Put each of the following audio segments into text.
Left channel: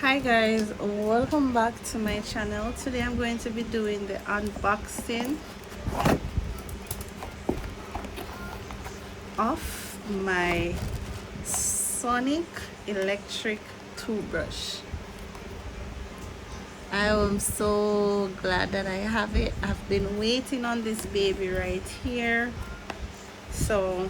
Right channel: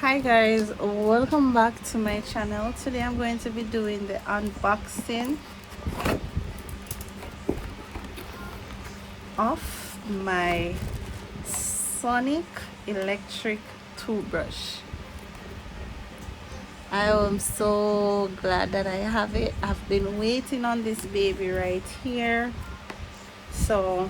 Hi guys, welcome back to my channel. Today I'm going to be doing the unboxing of my Sonic electric toothbrush. I am so glad that I have it. I've been waiting on this baby right here. So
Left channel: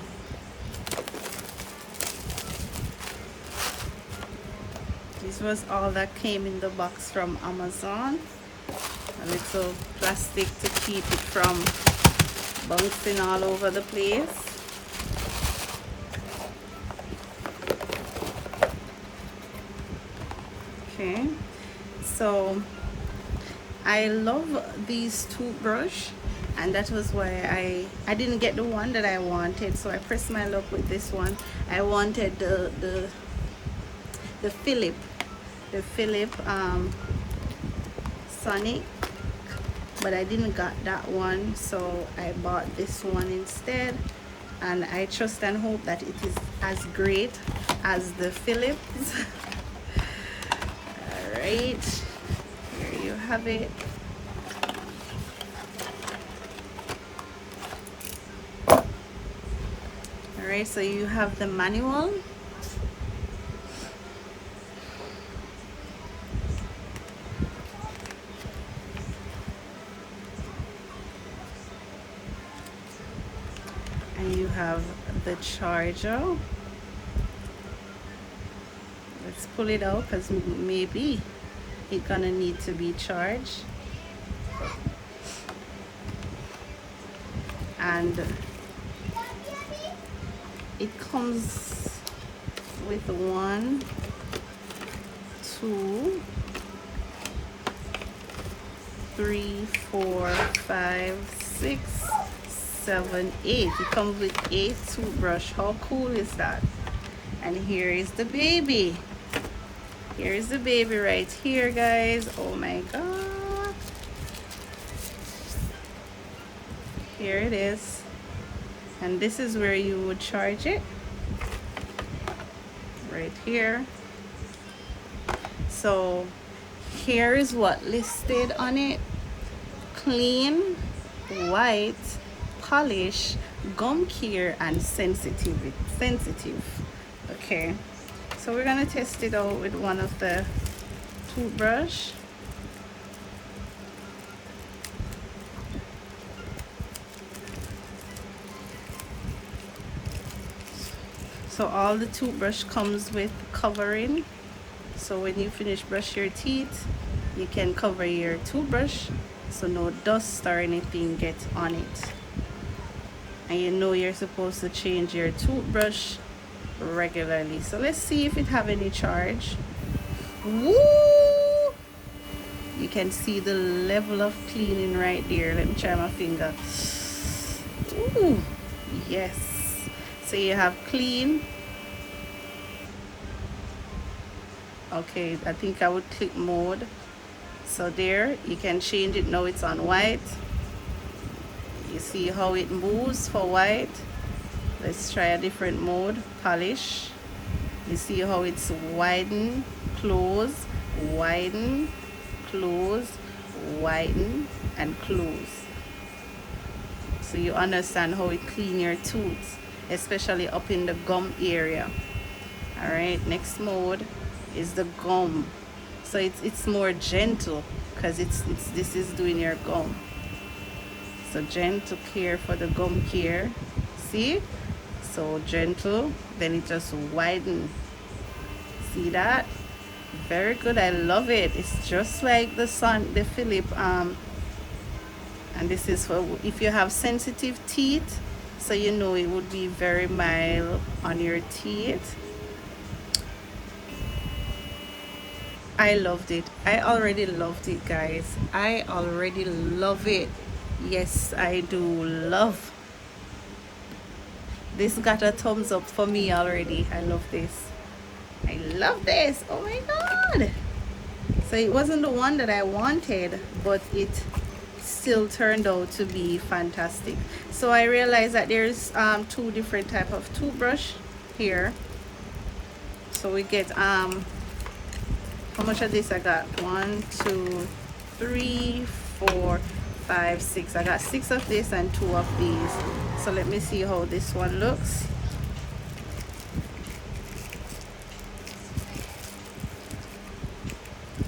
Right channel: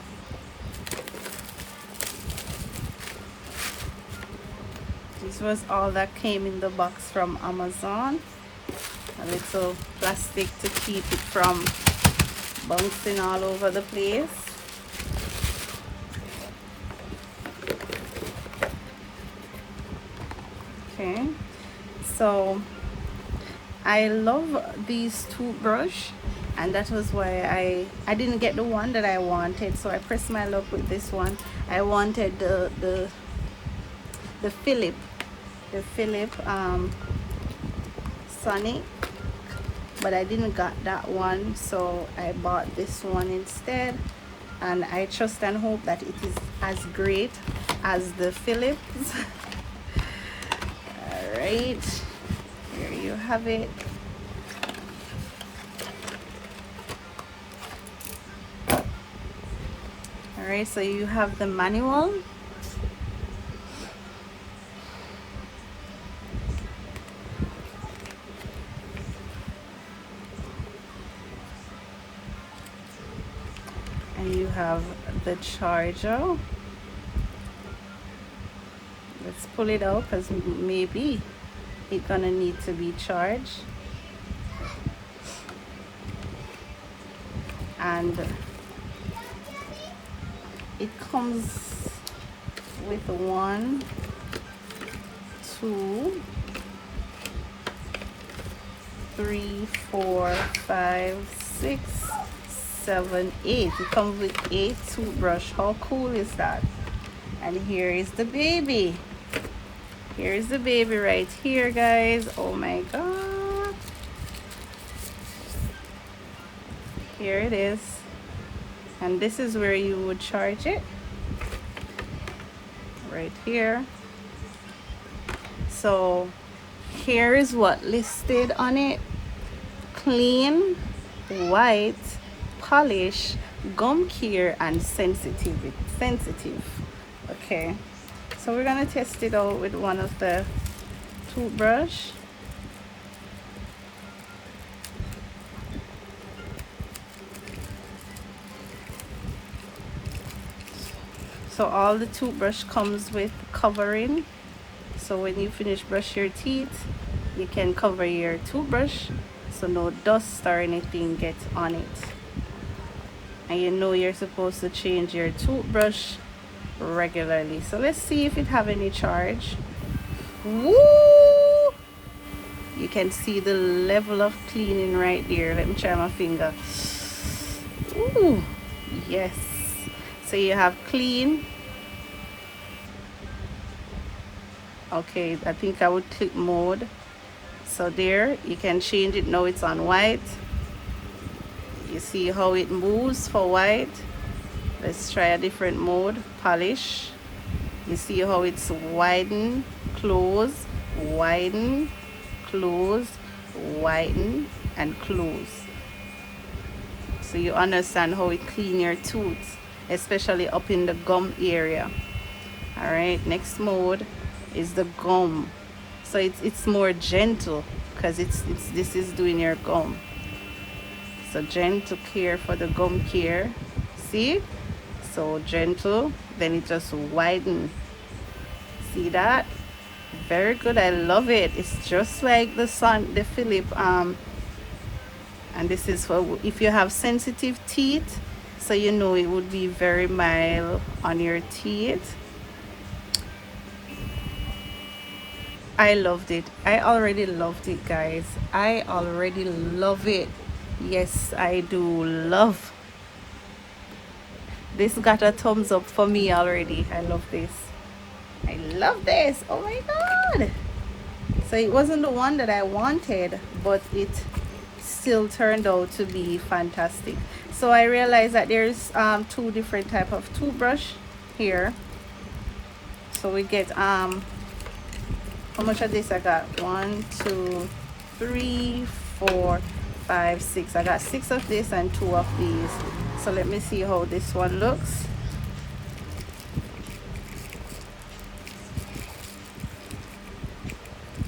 this was all that came in the box from Amazon. A little plastic to keep it from bouncing all over the place. Okay, so I love these toothbrush, and that was why I didn't get the one that I wanted, so I pressed my luck with this one. I wanted the Philip Sonic, but I didn't got that one, so I bought this one instead, and I trust and hope that it is as great as the Philips. All right, here you have it. All right, so you have the manual. And you have the charger. Let's pull it out because maybe it's gonna need to be charged. And it comes with 1, 2, 3, 4, 5, 6, 7, 8. It comes with 8 toothbrush. How cool is that? And here is the baby. Here is the baby right here, guys. Oh my god. Here it is. And this is where you would charge it. Right here. So here is what listed on it: clean, white, polish, gum care, and sensitive. Okay, so we're gonna test it out with one of the toothbrush. So all the toothbrush comes with covering, so when you finish brush your teeth, you can cover your toothbrush so no dust or anything gets on it. And you know you're supposed to change your toothbrush regularly. So let's see if it have any charge. Woo! You can see the level of cleaning right there. Let me try my finger. Ooh, yes. So you have clean. Okay, I think I would click mode. So there, you can change it. Now it's on white. You see how it moves for white. Let's try a different mode. Polish. You see how it's widen, close, widen, close, widen, and close. So you understand how it clean your tooth, especially up in the gum area. All right, next mode is the gum. So it's more gentle because this is doing your gum. So gentle care for the gum care. See? So gentle, then it just widen. See that? Very good. I love it. It's just like the Philip. And this is for if you have sensitive teeth, so you know it would be very mild on your teeth. I loved it. I already loved it, guys. I already love it. Yes, I do love. This got a thumbs up for me already. I love this. I love this. Oh my god. So it wasn't the one that I wanted, but it still turned out to be fantastic. So I realized that there's 2 different type of toothbrush here. So we get how How much of this I got? 1, 2, 3, 4, 5, 6. I got 6 of this and 2 of these. So let me see how this one looks.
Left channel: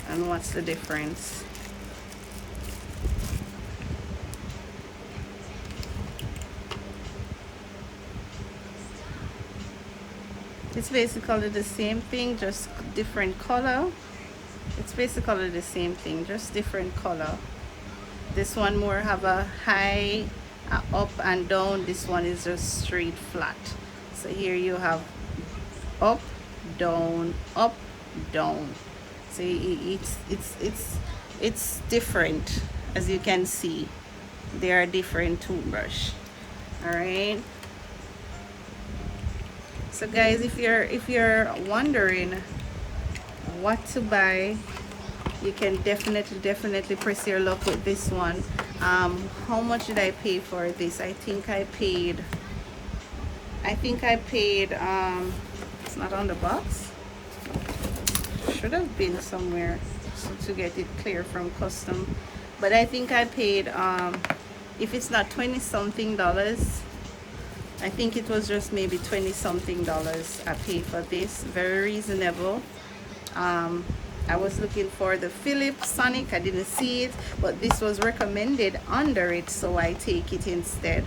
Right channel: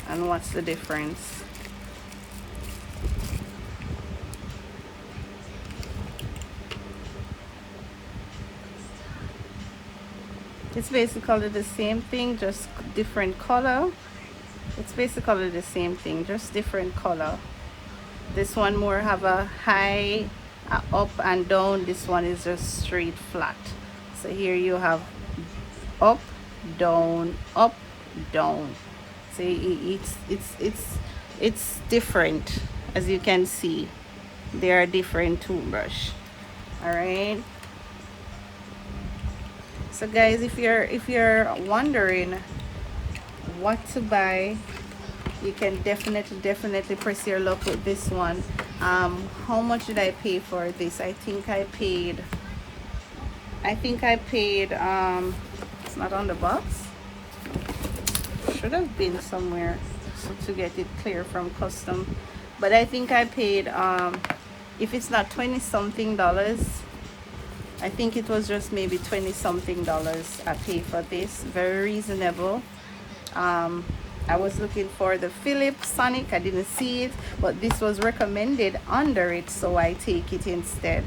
And what's the difference? It's basically the same thing, just different color. It's basically the same thing, just different color. This one more have a high, up and down. This one is just straight flat. So here you have up, down, up, down. So it's different, as you can see. They are different toothbrush. All right. So guys, if you're wondering what to buy, you can definitely press your luck with this one. How much did I pay for this? I think I paid it's not on the box. Should have been somewhere so to get it clear from custom, but I think I paid if it's not 20 something dollars, I think it was just maybe 20 something dollars I paid for this. Very reasonable. I was looking for the Philips Sonic, I didn't see it, but this was recommended under it, so I take it instead.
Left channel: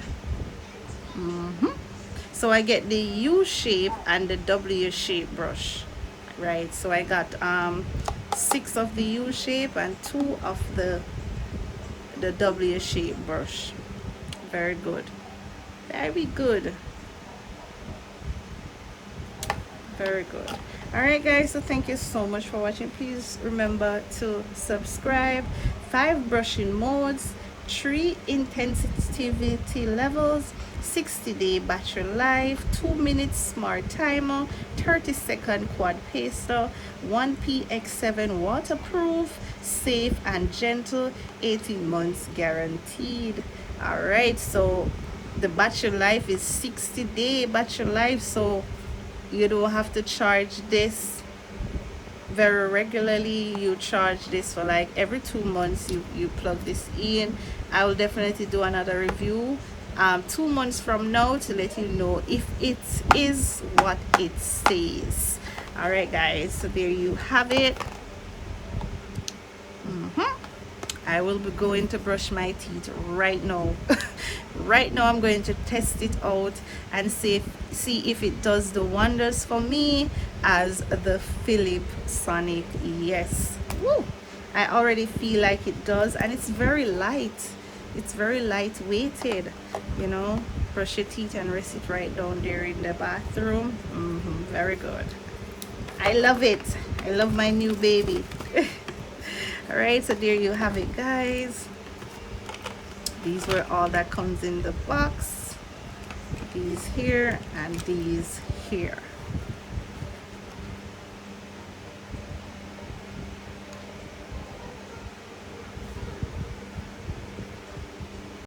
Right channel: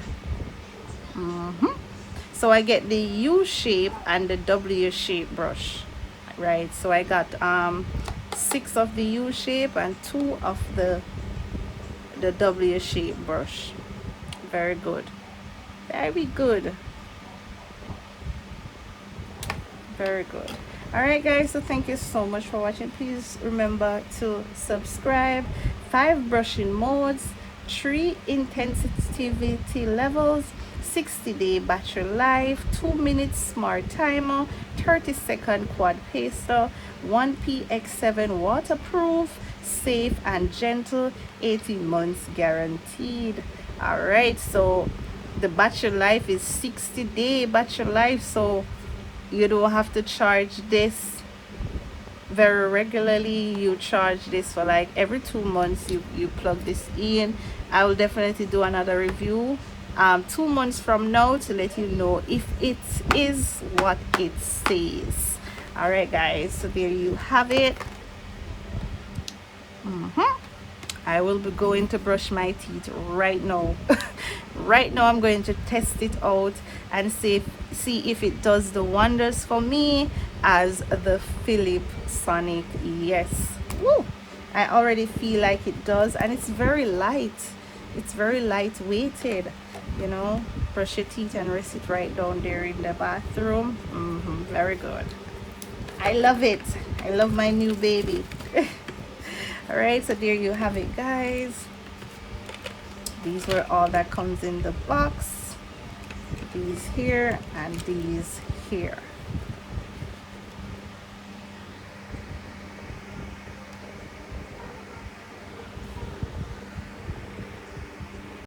So I get the U shape and the W shape brush, right? So I got 6 of the U shape and 2 of the W shape brush. Very good, very good, very good. All right guys, so thank you so much for watching. Please remember to subscribe. 5 brushing modes, 3 intensity levels, 60-day battery life, 2 minutes smart timer, 30-second quad paster, 1 PX7 waterproof, safe and gentle, 18 months guaranteed. All right, so the battery life is 60-day battery life, so you don't have to charge this very regularly. You charge this for like every 2 months. You plug this in. I will definitely do another review 2 months from now to let you know if it is what it says. All right guys, so there you have it. I will be going to brush my teeth right now. Right now I'm going to test it out and see if it does the wonders for me as the Philips Sonic. Yes. Woo! I already feel like it does, and it's very light. It's very lightweighted, you know. Brush your teeth and rest it right down there in the bathroom. Very good. I love it. I love my new baby. All right, so there you have it guys. These were all that comes in the box. These here and these here.